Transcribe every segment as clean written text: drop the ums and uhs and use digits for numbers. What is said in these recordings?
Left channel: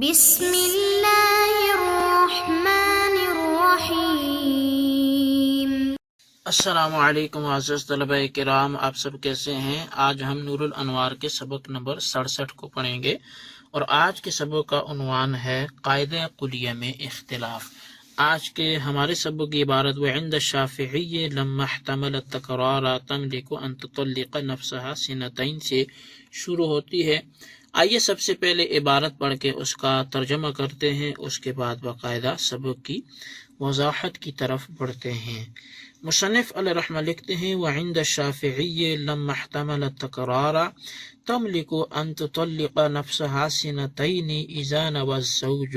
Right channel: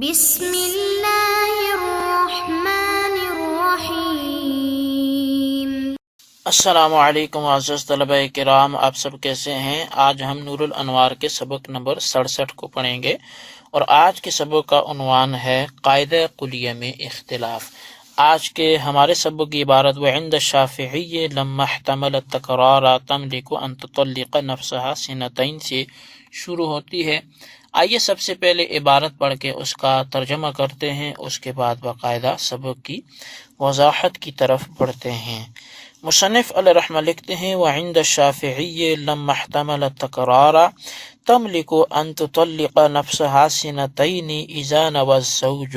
بسم اللہ الرحمن الرحیم۔ السلام علیکم معزز طلبہ کرام، آپ سب کیسے ہیں؟ آج ہم نور الانوار کے سبق نمبر 67 کو پڑھیں گے، اور آج کے سبق کا عنوان ہے قاعدہ کلیہ میں اختلاف۔ آج کے ہمارے سبق کی عبارت وعند الشافعی لما احتمل التکرار تملک ان تطلق نفسها سنتین سے شروع ہوتی ہے۔ آئیے سب سے پہلے عبارت پڑھ کے اس کا ترجمہ کرتے ہیں، اس کے بعد باقاعدہ سبق کی وضاحت کی طرف بڑھتے ہیں۔ مصنف علیہ رحمہ لکھتے ہیں وعند الشافعی لما احتمل التکرار تملک ان تطلق نفسها سنتین اذا نوى الزوج،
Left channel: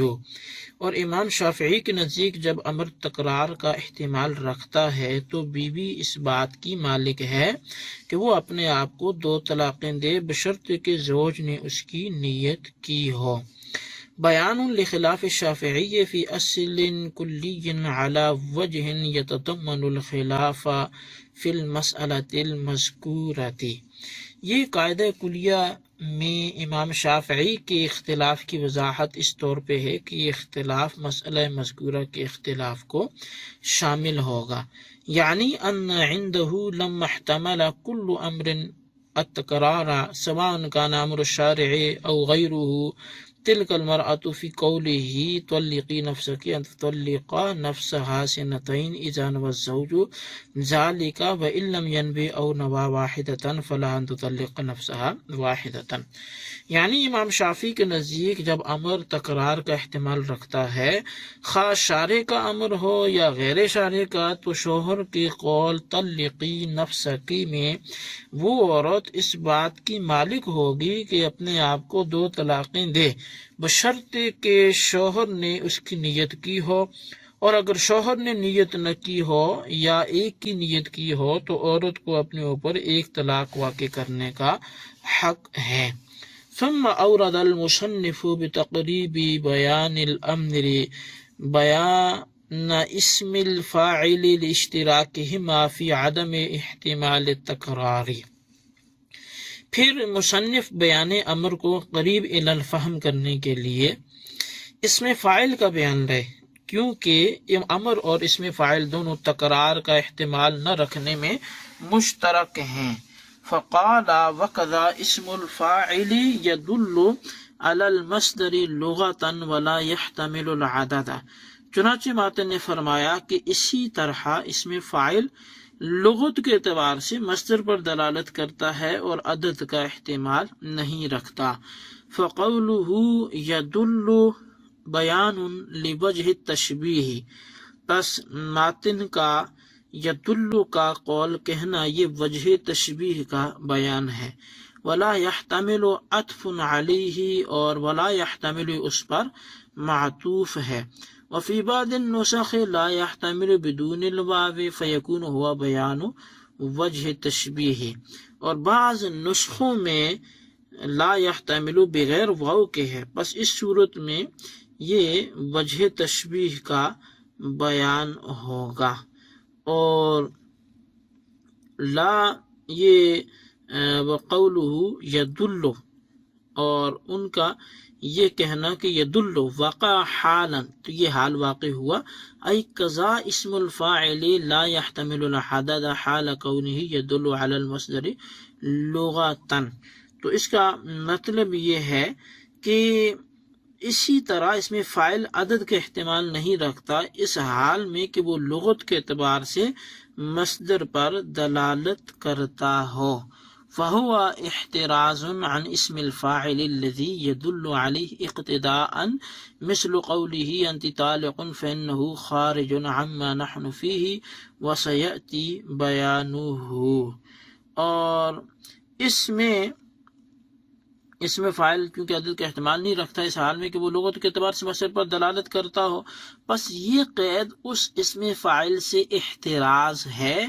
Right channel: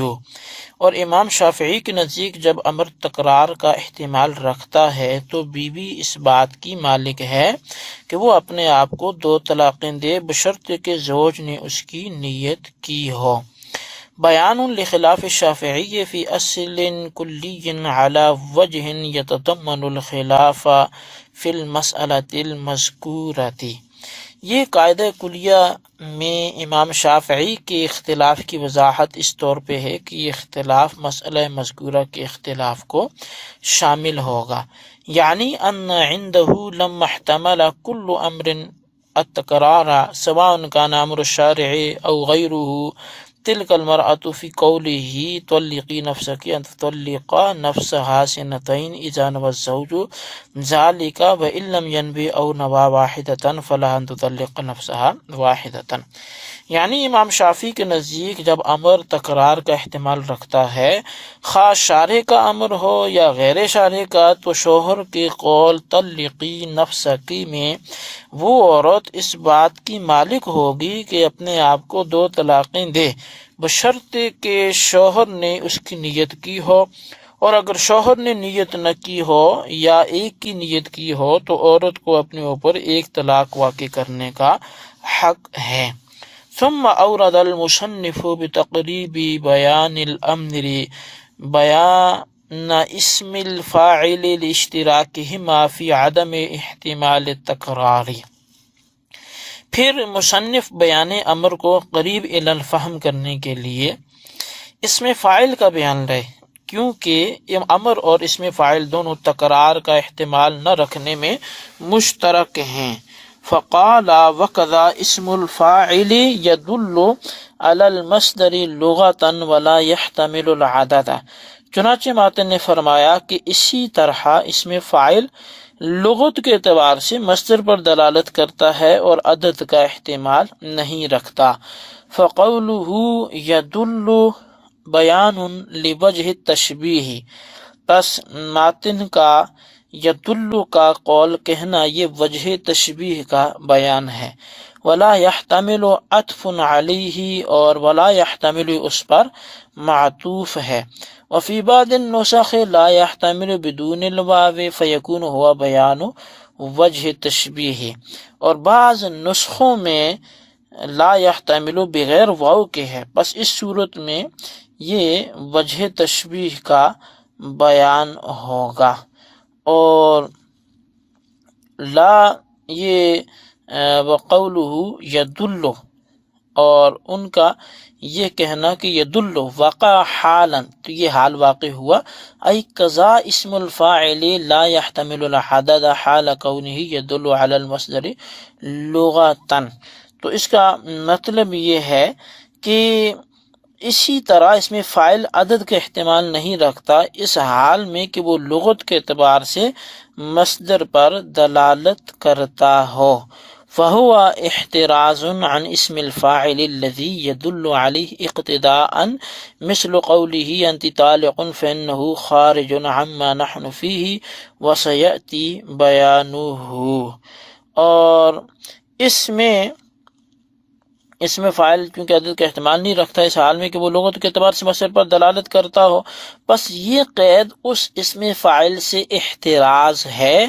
اور امام شافعی کے نزدیک جب امر تکرار کا احتمال رکھتا ہے تو بیوی اس بات کی مالک ہے کہ وہ اپنے آپ کو 2 طلاقیں دے بشرط کہ زوج نے اس کی نیت کی ہو۔ بیان لخلاف الشافعی فی اصل کلی علی وجہ یتضمن الخلاف فی المسألۃ المذکورۃ۔ یہ قاعدہ کلیہ میں امام شافعی کے اختلاف کی وضاحت اس طور پہ ہے کہ یہ اختلاف مسئلہ مذکورہ کے اختلاف کو شامل ہوگا، یعنی ان عنده لما احتمل كل امر التکرار سواء كان امر الشارع او غیره تلك المرأة في قوله طلقي نفسك ان تطلق نفسها سنتين اذا نوى الزوج ذلك وان لم ينوي او نوى واحدة فلها ان تطلق نفسها واحدة۔ یعنی امام شافعی کے نزدیک جب امر تکرار کا احتمال رکھتا ہے، خواہ شارع کا امر ہو یا غیر شارع کا، تو شوہر کے قول طلقی نفسکی میں وہ عورت اس بات کی مالک ہوگی کہ اپنے آپ کو 2 طلاقیں دے بشرط کہ شوہر نے اس کی نیت کی ہو، اور اگر شوہر نے نیت نہ کی ہو یا ایک کی نیت کی ہو تو عورت کو اپنے اوپر 1 طلاق واقع کرنے کا حق ہے۔ ثم اورد المصنف بتقریب بیان الامر بیان اسم الفاعل لاشتراکہما فی عدم احتمال التکرار۔ پھر مصنف بیان امر کو قریب الی الفہم کرنے کے لیے اسم فاعل کا بیان لائے، کیونکہ امر اور اسم فاعل دونوں تکرار کا احتمال نہ رکھنے میں مشترک ہیں۔ فقال وکذا اسم الفاعل يدل على المصدر لغة ولا يحتمل العدد۔ چنانچہ ماتن نے فرمایا کہ اسی طرح اسم فاعل لغت کے اعتبار سے مصدر پر دلالت کرتا ہے اور عدد کا احتمال نہیں رکھتا۔ فقوله يدل بیان لوجہ التشبیہ، پس ماتن کا یدل کا قول کہنا یہ وجہ تشبیہ کا بیان ہے۔ ولا يحتمل عطف علیہ، اور ولا يحتمل اس پر معطوف ہے۔ وفی بعض النسخ لا يحتمل بدون الواو فیکون ہوا بیان وجہ تشبیہ، اور بعض نسخوں میں لا يحتمل بغیر واو کے ہے، پس اس صورت میں یہ وجہ تشبیہ کا بیان ہوگا۔ اور لا یہ وقولہ یدل، اور ان کا یہ کہنا کہ یدل وقع حالا، تو یہ حال واقع ہوا، ای قضا اسم الفاعل لا يحتمل العدد حال کونہ یدل علی المصدر لغتا۔ تو اس کا مطلب یہ ہے کہ اسی طرح اس میں فاعل عدد کا احتمال نہیں رکھتا اس حال میں کہ وہ لغت کے اعتبار سے مصدر پر دلالت کرتا ہو۔ فہو احتراز عن اسم الفاعل الذي يدل عليه اقتداء مثل قوله انت طالق فانه خارج عما نحن فيه وسيأتي بیانه۔ اور اس میں فاعل کیونکہ عدد کا احتمال نہیں رکھتا اس حال میں کہ وہ لغت کے اعتبار سے مصدر پر دلالت کرتا ہو، بس یہ قید اس اسم فاعل سے احتراز ہے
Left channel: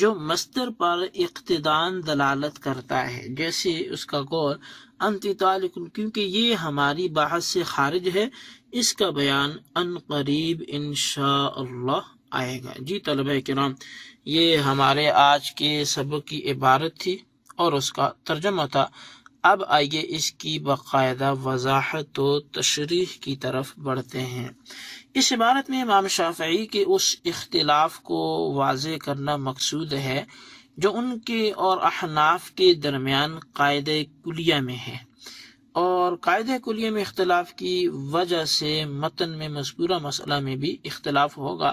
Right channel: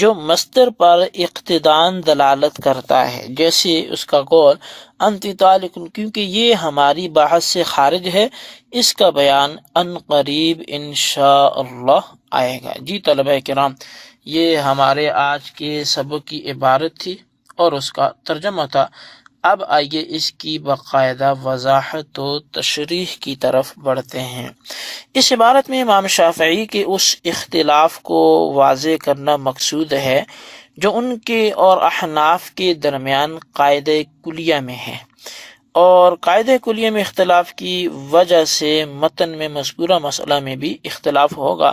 جو مصدر پر اقتداً دلالت کرتا ہے، جیسے اس کا قول انت طالق، کیونکہ یہ ہماری بحث سے خارج ہے۔ اس کا بیان ان قریب انشاءاللہ آئے گا۔ جی طلبہ کرام، یہ ہمارے آج کے سبق کی عبارت تھی اور اس کا ترجمہ تھا۔ اب آئیے اس کی باقاعدہ وضاحت و تشریح کی طرف بڑھتے ہیں۔ اس عبارت میں امام شافعی کے اس اختلاف کو واضح کرنا مقصود ہے جو ان کے اور احناف کے درمیان قاعدہ کلیہ میں ہے، اور قاعدہ کلیہ میں اختلاف کی وجہ سے متن میں مذکورہ مسئلہ میں بھی اختلاف ہوگا،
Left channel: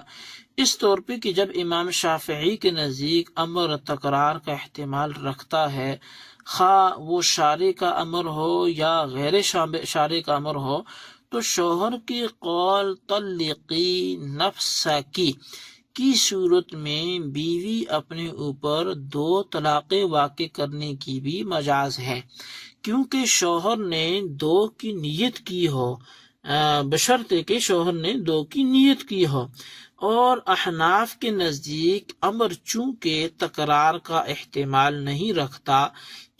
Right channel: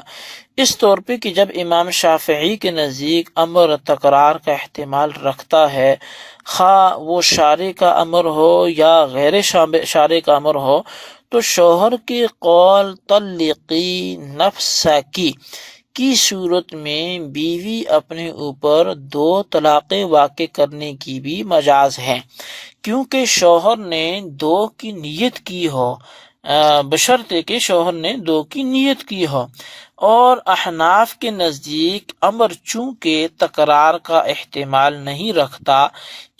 اس طور پہ کہ جب امام شافعی کے نزدیک امر تکرار کا احتمال رکھتا ہے، خواہ وہ شارع کا امر ہو یا غیر شارع کا امر ہو، تو شوہر کے قول طلقی نفسکی کی صورت میں بیوی اپنے اوپر 2 طلاقیں واقع کرنے کی بھی مجاز ہے، کیونکہ شوہر نے 2 کی نیت کی ہو، بشرطے کہ شوہر نے 2 کی نیت کی ہو۔ اور احناف کے نزدیک امر چونکہ تکرار کا احتمال نہیں رکھتا،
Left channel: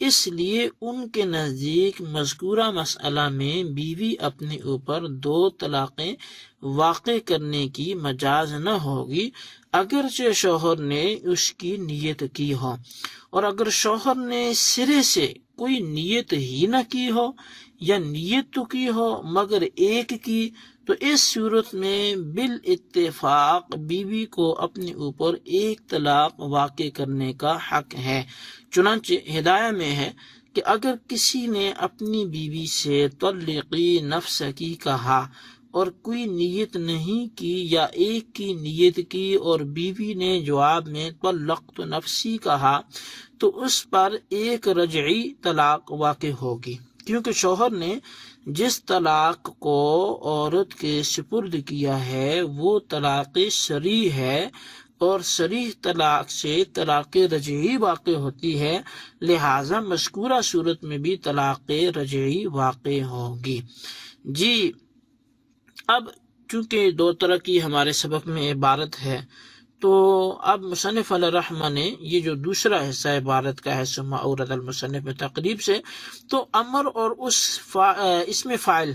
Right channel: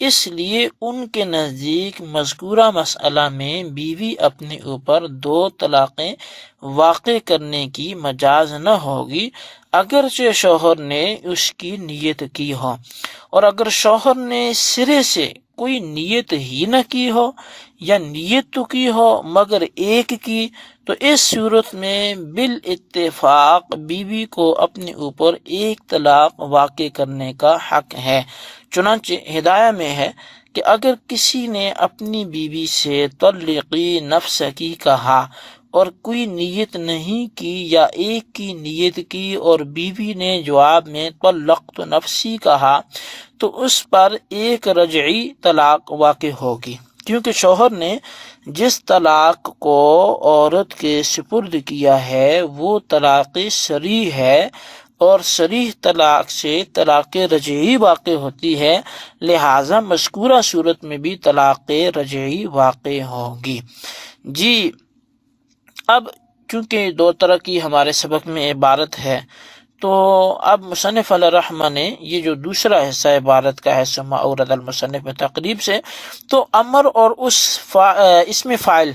اس لیے ان کے نزدیک مذکورہ مسئلہ میں بیوی اپنے اوپر 2 طلاقیں واقع کرنے کی مجاز نہ ہوگی، اگرچہ شوہر نے اس کی نیت کی ہو۔ اور اگر شوہر نے سرے سے کوئی نیت ہی نہ کی ہو یا نیت تو کی ہو مگر ایک کی، تو اس صورت میں بالاتفاق بیوی کو اپنے اوپر 1 طلاق واقع کرنے کا حق ہے۔ چنانچہ ہدایہ میں ہے کہ اگر کسی نے اپنی بیوی سے طلقی نفسکی کہا اور کوئی نیت نہیں کی یا ایک کی نیت کی اور بیوی نے جواب میں طلقت نفسی کہا، تو اس پر 1 رجعی طلاق واقع ہوگی، کیونکہ شوہر نے جس طلاق کو عورت کے سپرد کیا ہے وہ طلاق صریح ہے، اور صریح طلاق سے طلاق رجعی واقع ہوتی ہے، لہٰذا مذکورہ صورت میں بھی طلاق رجعی واقع ہوگی۔ جی، اب چونکہ 2 طرح کی ہمارے سبق میں عبارت ہے، تو اب مصنف علیہ الرحمہ نے یہ جو دوسرا حصہ عبارت کا ہے ثم اورد المصنف تقریب سے، تو امر اور اسم فاعل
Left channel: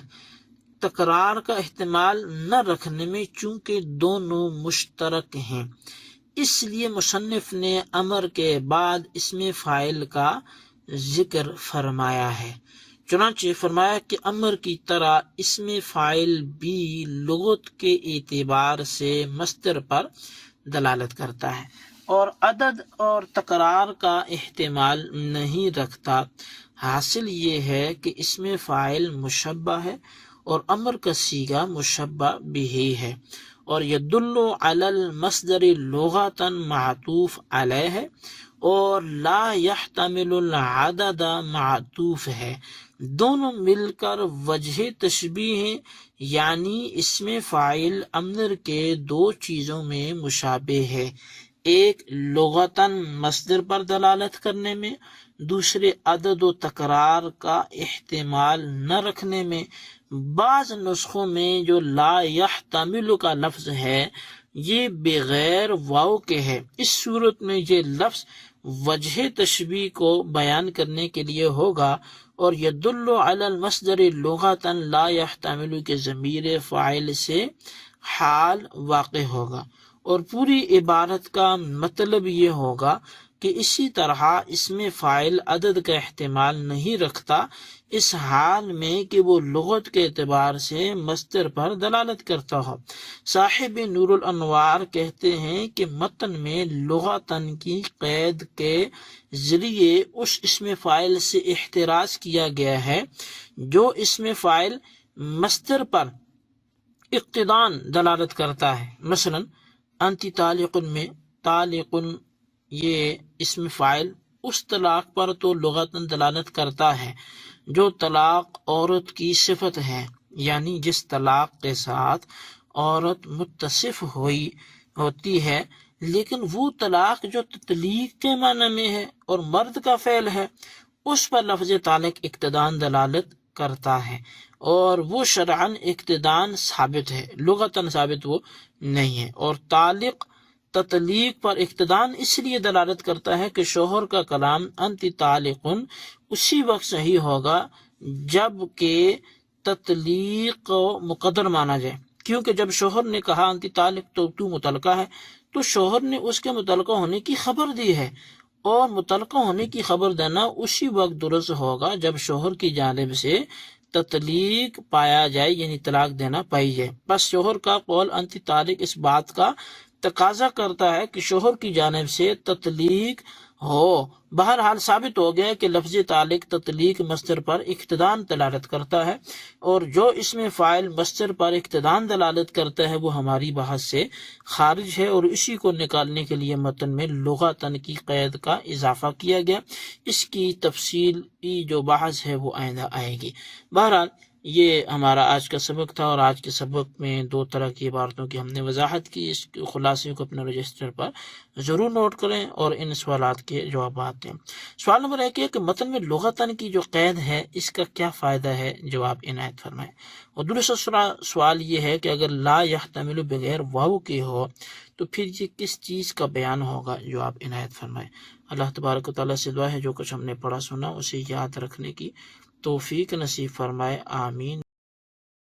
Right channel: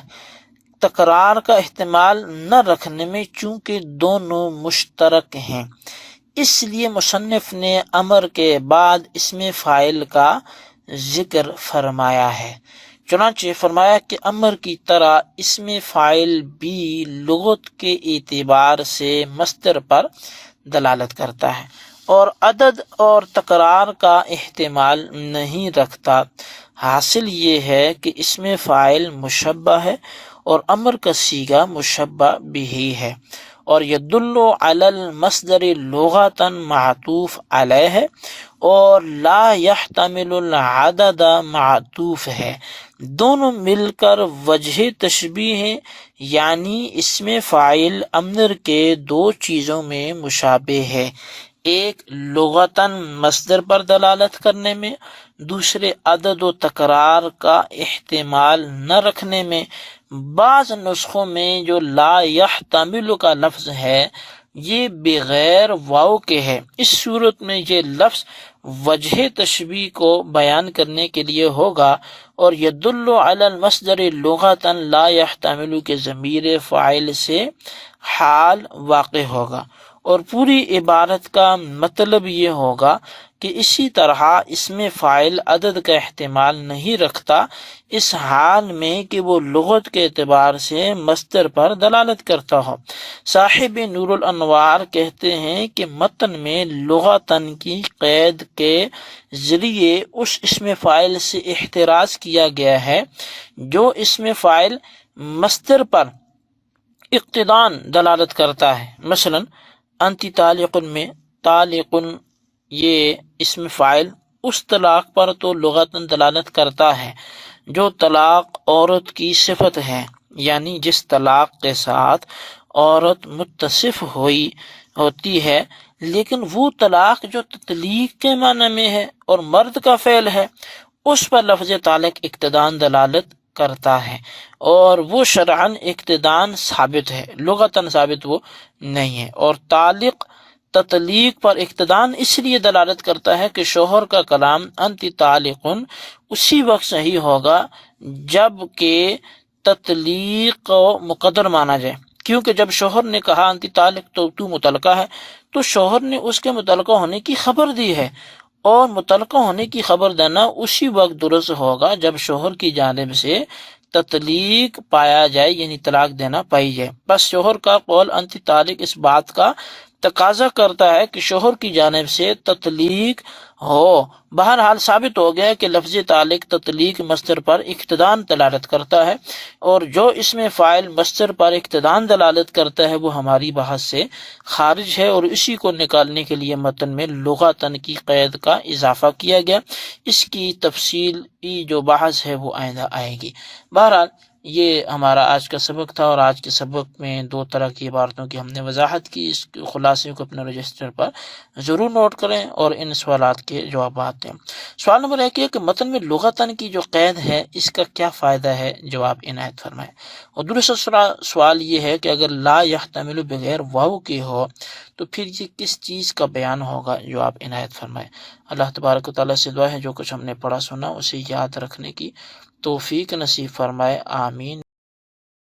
تکرار کا احتمال نہ رکھنے میں چونکہ دونوں مشترک ہیں، اس لیے مصنف نے امر کے بعد اسم فاعل کا ذکر فرمایا ہے۔ چنانچہ فرمایا کہ امر کی طرح اسم فاعل بھی لغت کے اعتبار سے مصدر پر دلالت کرتا ہے اور عدد اور تکرار کا احتمال نہیں رکھتا۔ حاصل یہ ہے کہ اسم فاعل مشبہ ہے اور امر کا صیغہ مشبہ بھی ہے، اور یدل علی المصدر لغتاً معطوف علیہ ہے، اور لا يحتمل العدد معطوف ہے۔ دونوں مل کر وجہ تشبیہ ہیں، یعنی اسم فاعل امر کے 2 چیزوں میں مشابہ ہے، ایک لغتاً مصدر پر دلالت کرنے میں، دوسرے عدد و تکرار کا احتمال نہ رکھنے میں۔ بعض نسخوں میں جو لا یحتمل کا لفظ ہے یہ بغیر واو کے ہے، اس صورت میں یہ لفظ وجہ تشبیہ کو بیان کرنے کے لیے ہوگا، اور یدل علی المصدر لغتاً لا یحتمل کے ضمیر فاعل سے حال واقع ہوگا، اور پوری عبارت کا مطلب یہ ہوگا کہ اسی طرح اسم فاعل عدد کا احتمال نہیں رکھتا اس حال میں کہ وہ لغت کے اعتبار سے مصدر پر دلالت کرتا ہو۔ صاحب نور الانوار کہتے ہیں کہ متن میں لغتاً کی قید کے ذریعے اس اسم فاعل سے احتراز کیا گیا ہے جو اسم فاعل مصدر پر اقتدان دلالت کرتا ہے۔ مثلا انتی طالق میں طالق یہ اسم فاعل اس طلاق پر تو لغتاً دلالت کرتا ہے جو طلاق عورت کی صفت ہے، یعنی جس طلاق کے ساتھ عورت متصف ہوتی ہے، لیکن وہ طلاق جو تطلیق کے معنی میں ہے اور مرد کا فعل ہے اس پر لفظ طالق اقتدان دلالت کرتا ہے، اور وہ شرعاً اقتدان ثابت ہے، لغتاً ثابت وہ نہیں ہے۔ اور طالق تطلیق پر اقتدان اس لیے دلالت کرتا ہے کہ شوہر کا کلام انت طالقن اسی وقت صحیح ہوگا جب کہ تطلیق کو مقدر مانا جائے، کیونکہ جب شوہر نے کہا انت طالق تو مطلقہ ہے، تو شوہر نے اس کے مطلقہ ہونے کی خبر دی ہے، اور متعلقہ ہونے کی خبر دینا اسی وقت درست ہوگا جب شوہر کی جانب سے تطلیق پایا جائے، یعنی طلاق دینا پائی جائے۔ بس شوہر کا قول انت طالق اس بات کا تقاضا کرتا ہے کہ شوہر کی جانب سے تطلیق ہو۔ بہرحال ثابت ہو گیا کہ لفظ طالق تطلیق مصدر پر اقتدان دلالت کرتا ہے، اور جو اس میں فاعل مصدر پر اقتدان دلالت کرتا ہے وہ ہماری بحث سے خارج ہے، اور اسی کو نکالنے کے لیے متن میں لغتاً کی قید کا اضافہ کیا گیا۔ اس کی تفصیلی جو بحث ہے وہ آئندہ آئے گی۔ بہرحال یہ ہمارا آج کا سبق تھا، اور آج کے سبق میں 2 طرح کی عبارتوں کی ہم نے وضاحت کی۔ اس خلاصے کو اپنے رجسٹر پر ضرور نوٹ کریں اور ان سوالات کے جوابات دیں۔ سوال نمبر 1 یہ کہ متن میں لغتاً کی جو قید ہے اس کا کیا فائدہ ہے، جواب عنایت فرمائیں۔ اور دوسرا سوال یہ ہے کہ اگر لا یحتمل بغیر واو کے ہو تو پھر یہ کس چیز کا بیان ہوگا، جواب عنایت فرمائیں۔ اللہ تبارک و تعالیٰ سے دعا ہے جو کچھ ہم نے پڑھا سنا اسے یاد رکھنے کی توفیق نصیب فرمائے، آمین۔